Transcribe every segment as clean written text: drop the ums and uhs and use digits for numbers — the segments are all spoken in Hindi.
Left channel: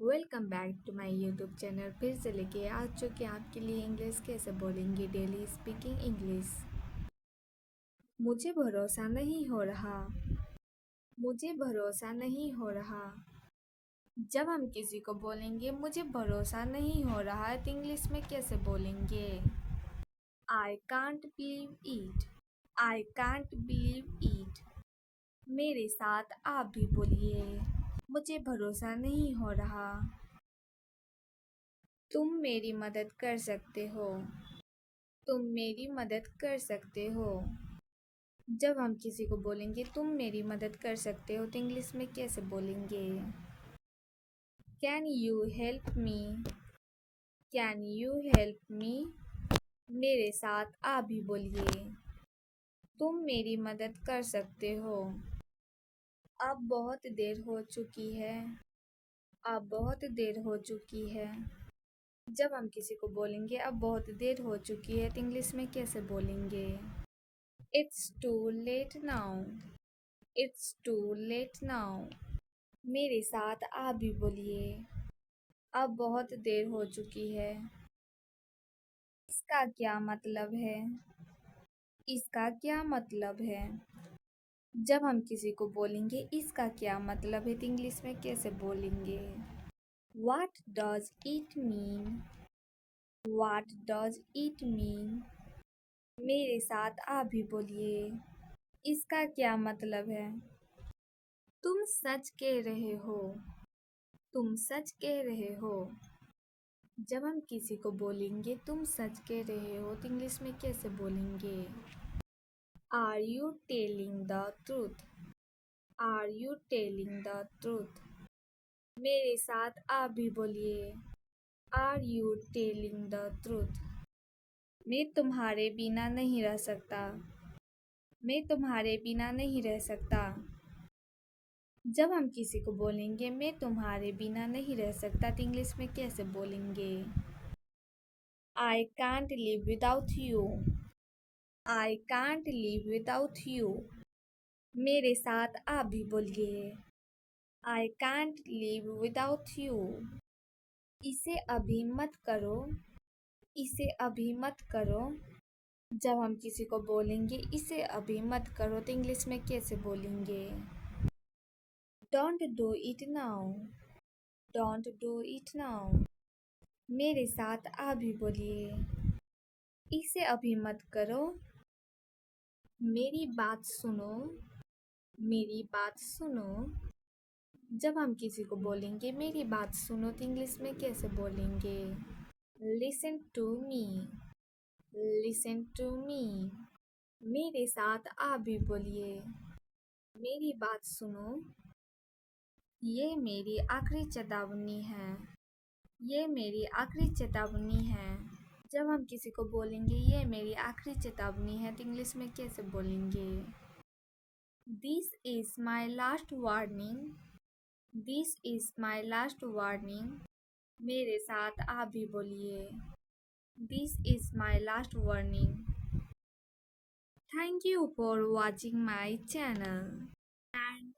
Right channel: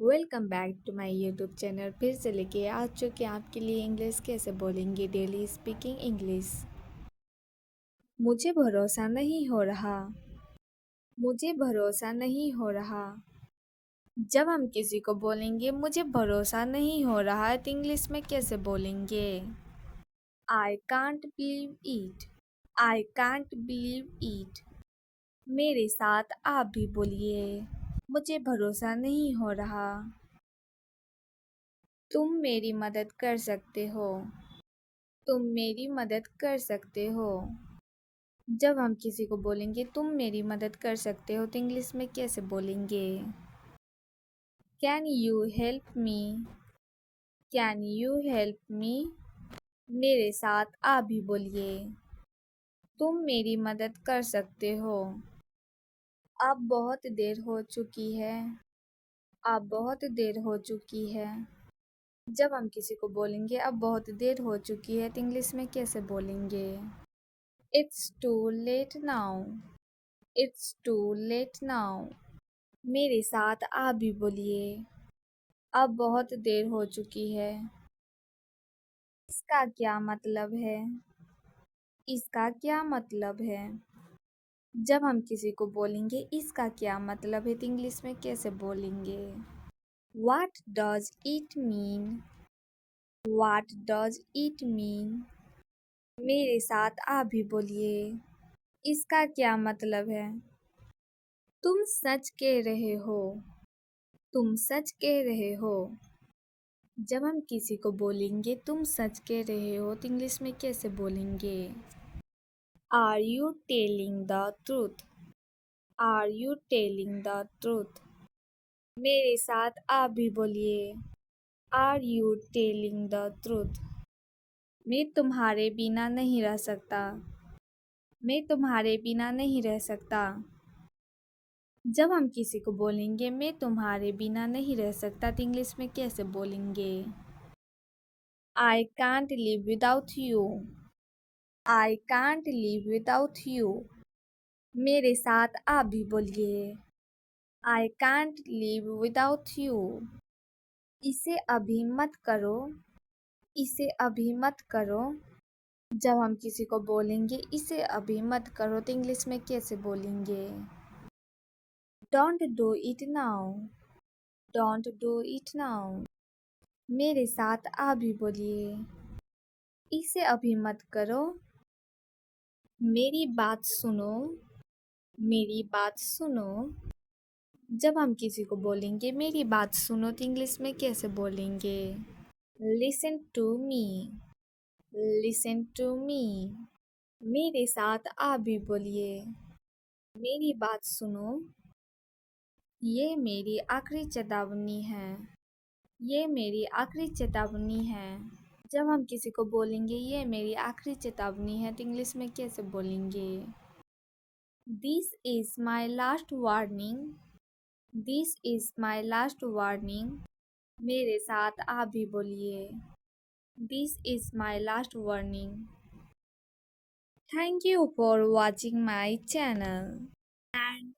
Welcome back to my YouTube channel. फिर से लेके आ चुके हैं आपके लिए इंग्लिश कैसे बोलेंगे डेली स्पीकिंग इंग्लिश। मुझे भरोसा नहीं हो रहा। मुझे भरोसा नहीं हो रहा। जब हम किसी को बोलेंगे मुझे भरोसा नहीं हो रहा है तो इंग्लिश में कैसे बोलेंगे? I can't believe it. I can't believe it. मेरे साथ आप भी बोलिए, मुझे भरोसा नहीं हो रहा। तुम मेरी मदद कर सकते हो। तुम मेरी मदद कर सकते हो। जब हम किसी को बोलेंगे तुम मेरी मदद कर सकते हो तो इंग्लिश में कैसे बोलेंगे? Can you help me? Can you help me? मेरे साथ आप भी बोलिए, तुम मेरी मदद कर सकते हो। अब बहुत देर हो चुकी है। अब बहुत देर हो चुकी है। जब हम किसी को बोलेंगे अब बहुत देर हो चुकी है तो इंग्लिश में कैसे बोलेंगे? It's too late now. It's too late now. मेरे साथ आप भी बोलिए, अब बहुत देर हो चुकी है। इसका क्या मतलब है? इसका क्या मतलब है? जब हम किसी को बोलेंगे इसका क्या मतलब है तो इंग्लिश में कैसे बोलेंगे? What does it mean? What does it mean? मेरे साथ आप भी बोलिए, इसका क्या मतलब है? तुम सच कह रहे हो। तुम सच कह रहे हो। जब हम किसी को बोलेंगे तुम सच कह रहे हो तो इंग्लिश में कैसे बोलेंगे? Are you telling the truth? Are you telling the truth? मेरे साथ आप भी बोलिए, are you telling the truth? मैं तुम्हारे बिना नहीं रह सकता। मैं तुम्हारे बिना नहीं रह सकता। जब हम किसी को बोलेंगे मैं तुम्हारे बिना नहीं रह सकता तो इंग्लिश में कैसे बोलेंगे? I can't live without you. I can't live without you. मेरे साथ आप भी बोलिए, I can't live without you. इसे अभी मत करो। इसे अभी मत करो। जब हम किसी को बोलेंगे इसे अभी मत करो तो इंग्लिश में कैसे बोलेंगे? Don't do it now. Don't do it now. मेरे साथ आप भी बोलिए, इसे अभी मत करो। मेरी बात सुनो। मेरी बात सुनो। जब हम किसी को बोलेंगे मेरी बात सुनो तो इंग्लिश में कैसे बोलेंगे? Listen to me. Listen to me. मेरे साथ आप भी बोलिए, मेरी बात सुनो। ये मेरी आखिरी चेतावनी है। ये मेरी आखिरी चेतावनी है। जब हम किसी को बोलेंगे ये मेरी आखिरी चेतावनी है तो इंग्लिश में कैसे बोलेंगे? This is my last warning. This is my last warning. मेरे साथ आप भी बोलिए, this is my last warning. Thank you for watching my channel and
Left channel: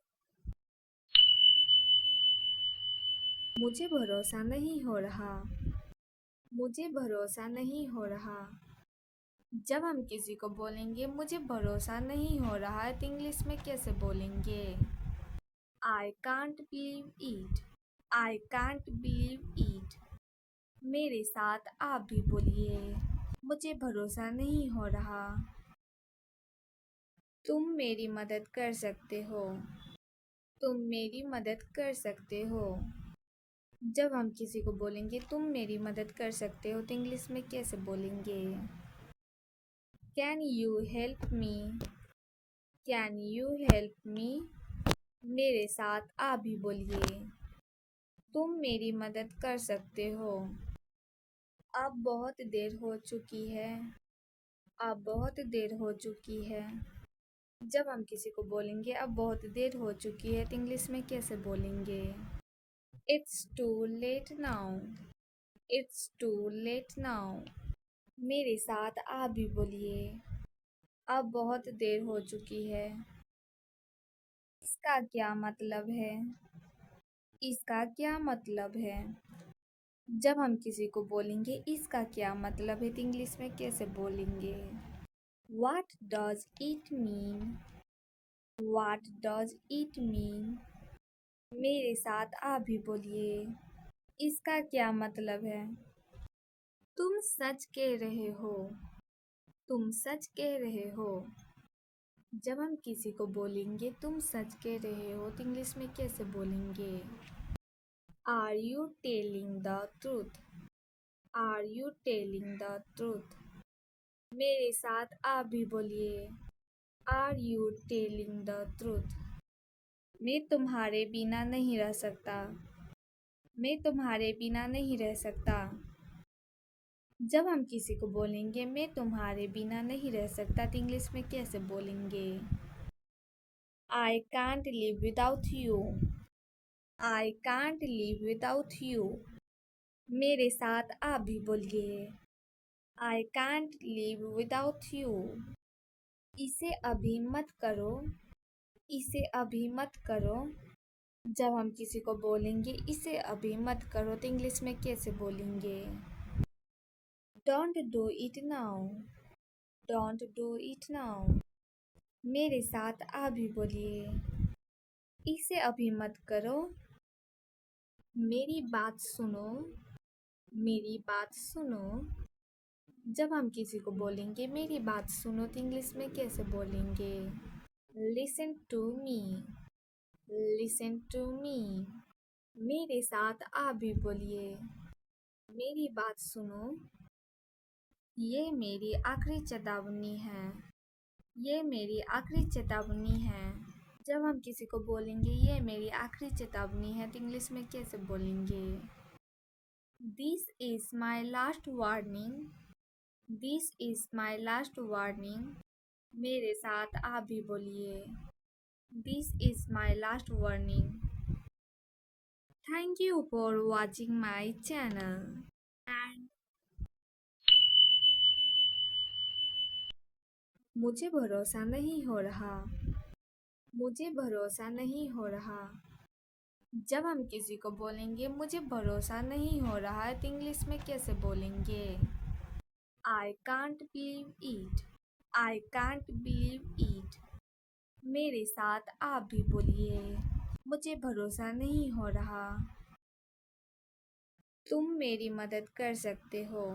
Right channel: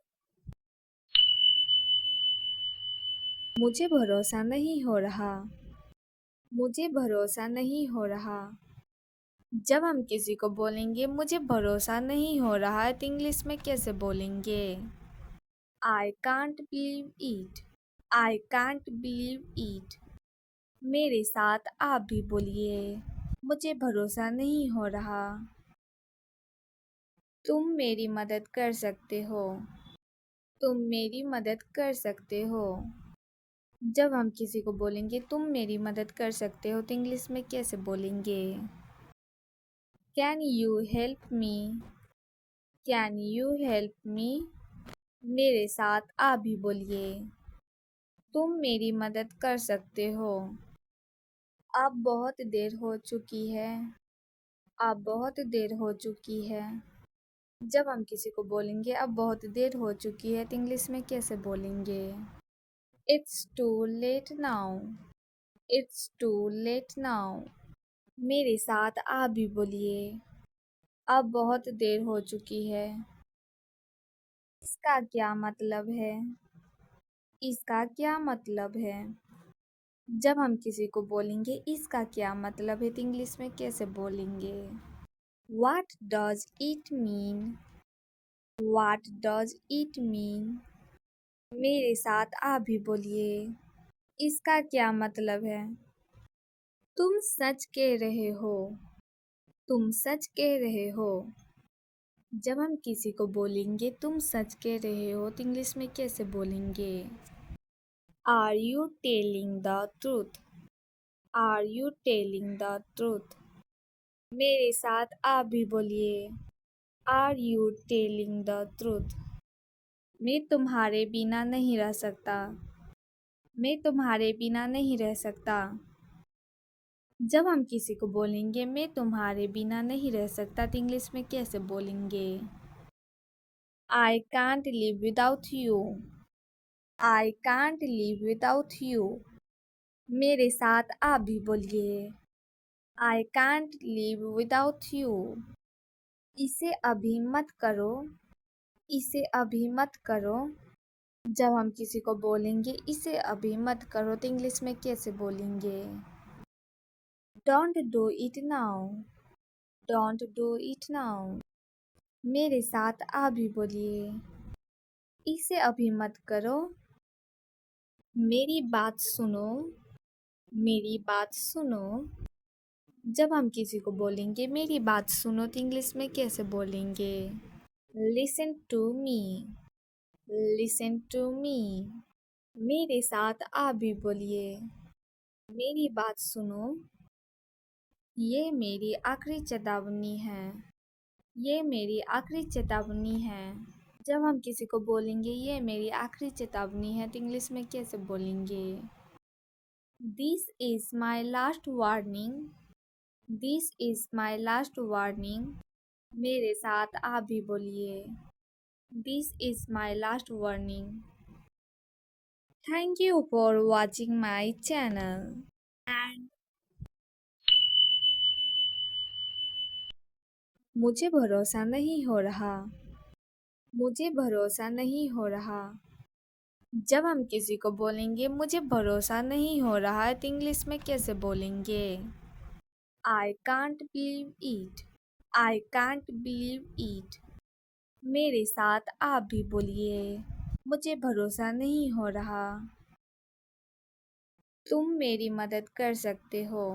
मुझे भरोसा नहीं हो रहा। मुझे भरोसा नहीं हो रहा। जब हम किसी को बोलेंगे मुझे भरोसा नहीं हो रहा है तो इंग्लिश में कैसे बोलेंगे? I can't believe it. I can't believe it. मेरे साथ आप भी बोलिए, मुझे भरोसा नहीं हो रहा। तुम मेरी मदद कर सकते हो। तुम मेरी मदद कर सकते हो। जब हम किसी को बोलेंगे तुम मेरी मदद कर सकते हो तो इंग्लिश में कैसे बोलेंगे? Can you help me? Can you help me? मेरे साथ आप भी बोलिए, तुम मेरी मदद कर सकते हो। अब बहुत देर हो चुकी है। अब बहुत देर हो चुकी है। जब हम किसी को बोलेंगे अब बहुत देर हो चुकी है तो इंग्लिश में कैसे बोलेंगे? It's too late now. It's too late now. मेरे साथ आप भी बोलिए, अब बहुत देर हो चुकी है। इसका क्या मतलब है? इसका क्या मतलब है? जब हम किसी को बोलेंगे इसका क्या मतलब है तो इंग्लिश में कैसे बोलेंगे? What does it mean? What does it mean? मेरे साथ आप भी बोलिए। इसका क्या मतलब है? तुम सच कह रहे हो। तुम सच कह रहे हो। जब हम किसी को बोलेंगे तुम सच कह रहे हो तो इंग्लिश में कैसे बोलेंगे? Are you telling the truth? Are you telling the truth? मेरे साथ आप भी बोलिए। Are you telling the truth? मैं तुम्हारे बिना नहीं रह सकता। मैं तुम्हारे बिना नहीं रह सकता। जब हम किसी को बोलेंगे मैं तुम्हारे बिना नहीं रह सकता तो इंग्लिश में कैसे बोलेंगे? I can't live without you. I can't live without you. मेरे साथ आप भी बोलिए। I can't live without you. इसे अभी मत करो। इसे अभी मत करो। जब हम किसी को बोलेंगे इसे अभी मत करो तो इंग्लिश में कैसे बोलेंगे? Don't do it now. Don't do it now. मेरे साथ आप भी बोलिए। इसे अभी मत करो। मेरी बात सुनो। मेरी बात सुनो। जब हम किसी को बोलेंगे मेरी बात सुनो तो इंग्लिश में कैसे बोलेंगे? Listen to me. Listen to me. मेरे साथ आप भी बोलिए। मेरी बात सुनो। ये मेरी आखिरी चेतावनी है। ये मेरी आखिरी चेतावनी है। जब हम किसी को बोलेंगे ये मेरी आखिरी चेतावनी है तो इंग्लिश में कैसे बोलेंगे? This is my last warning. This is my last warning. मेरे साथ आप भी बोलिए। This is my last warning. Thank you for watching my channel. And मुझे भरोसा नहीं हो रहा। मुझे भरोसा नहीं हो रहा। जब हम किसी को बोलेंगे मुझे भरोसा नहीं हो रहा है तो इंग्लिश में कैसे बोलेंगे? I can't believe it. I can't believe it. मेरे साथ आप भी बोलिए। मुझे भरोसा नहीं हो रहा। तुम मेरी मदद कर सकते हो।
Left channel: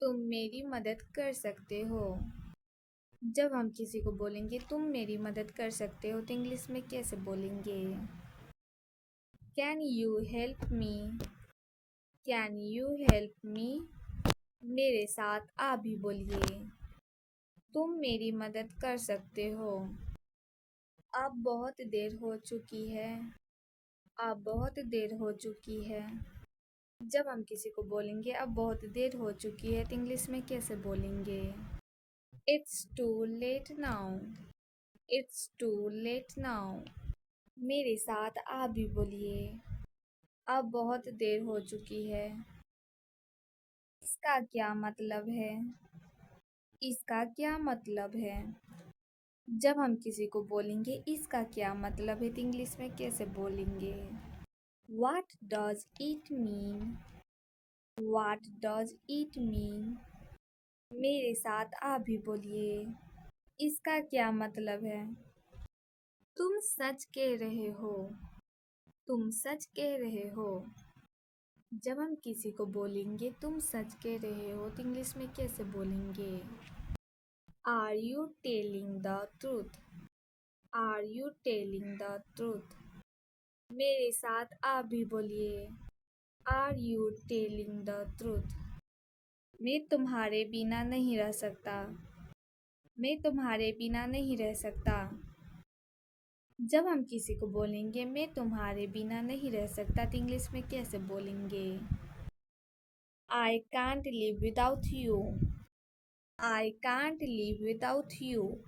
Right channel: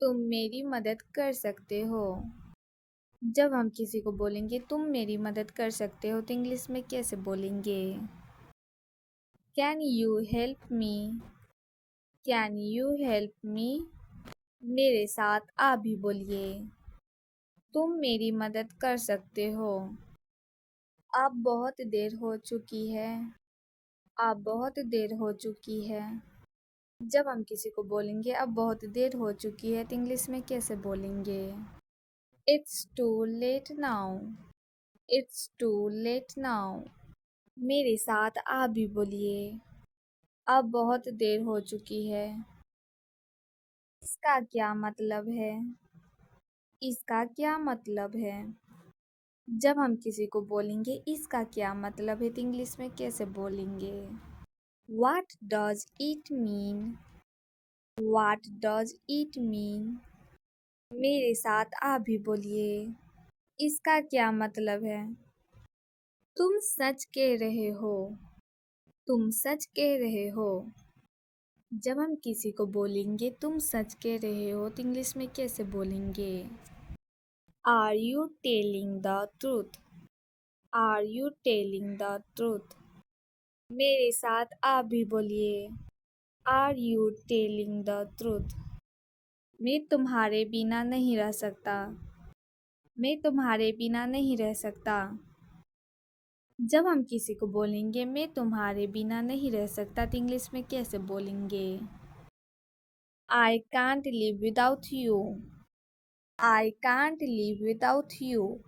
तुम मेरी मदद कर सकते हो। जब हम किसी को बोलेंगे तुम मेरी मदद कर सकते हो तो इंग्लिश में कैसे बोलेंगे? Can you help me? Can you help me? मेरे साथ आप भी बोलिए। तुम मेरी मदद कर सकते हो। अब बहुत देर हो चुकी है। अब बहुत देर हो चुकी है। जब हम किसी को बोलेंगे अब बहुत देर हो चुकी है तो इंग्लिश में कैसे बोलेंगे? It's too late now. It's too late now. मेरे साथ आप भी बोलिए। अब बहुत देर हो चुकी है। इसका क्या मतलब है? इसका क्या मतलब है? जब हम किसी को बोलेंगे इसका क्या मतलब है तो इंग्लिश में कैसे बोलेंगे? What does it mean? What does it mean? मेरे साथ आप भी बोलिए। इसका क्या मतलब है? तुम सच कह रहे हो। तुम सच कह रहे हो। जब हम किसी को बोलेंगे तुम सच कह रहे हो तो इंग्लिश में कैसे बोलेंगे? Are you telling the truth? Are you telling the truth? मेरे साथ आप भी बोलिए। Are you telling the truth? मैं तुम्हारे बिना नहीं रह सकता। मैं तुम्हारे बिना नहीं रह सकता। जब हम किसी को बोलेंगे मैं तुम्हारे बिना नहीं रह सकता तो इंग्लिश में कैसे बोलेंगे? I can't live without you. I can't live without you.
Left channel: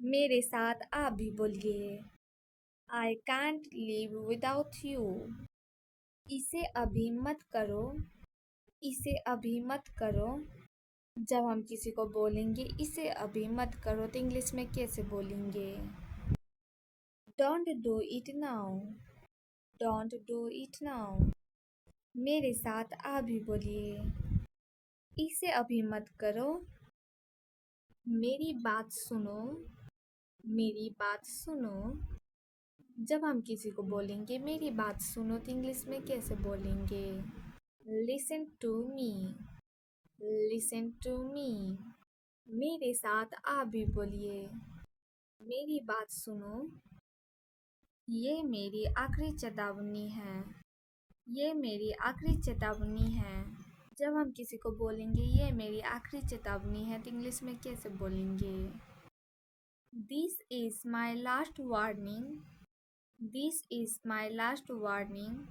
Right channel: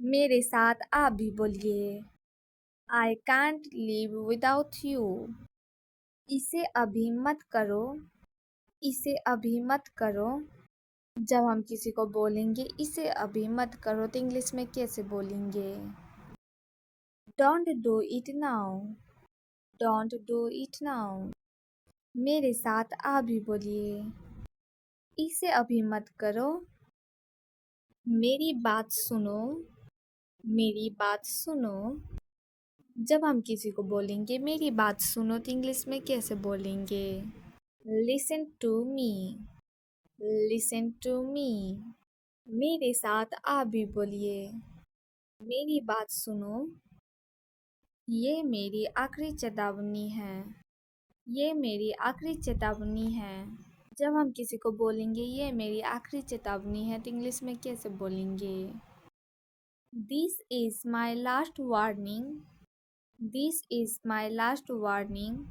मेरे साथ आप भी बोलिए। I can't live without you. इसे अभी मत करो। इसे अभी मत करो। जब हम किसी को बोलेंगे इसे अभी मत करो तो इंग्लिश में कैसे बोलेंगे? Don't do it now. Don't do it now. मेरे साथ अभी बोलिए। इसे अभी मत करो। मेरी बात सुनो। मेरी बात सुनो। जब हम किसी को बोलेंगे मेरी बात सुनो तो इंग्लिश में कैसे बोलेंगे? Listen to me. Listen to me. मेरे साथ आप भी बोलिए। मेरी बात सुनो। ये मेरी आखिरी चेतावनी है। ये मेरी आखिरी चेतावनी है। जब हम किसी को बोलेंगे ये मेरी आखिरी चेतावनी है तो इंग्लिश में कैसे बोलेंगे? This is my last warning. This is my last warning.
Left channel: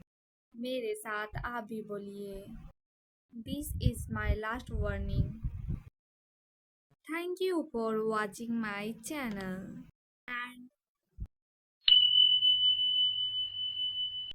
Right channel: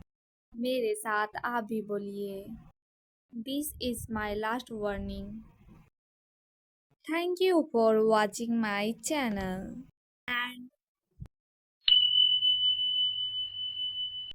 मेरे साथ आप भी बोलिए। This is my last warning. Thank you for watching my channel and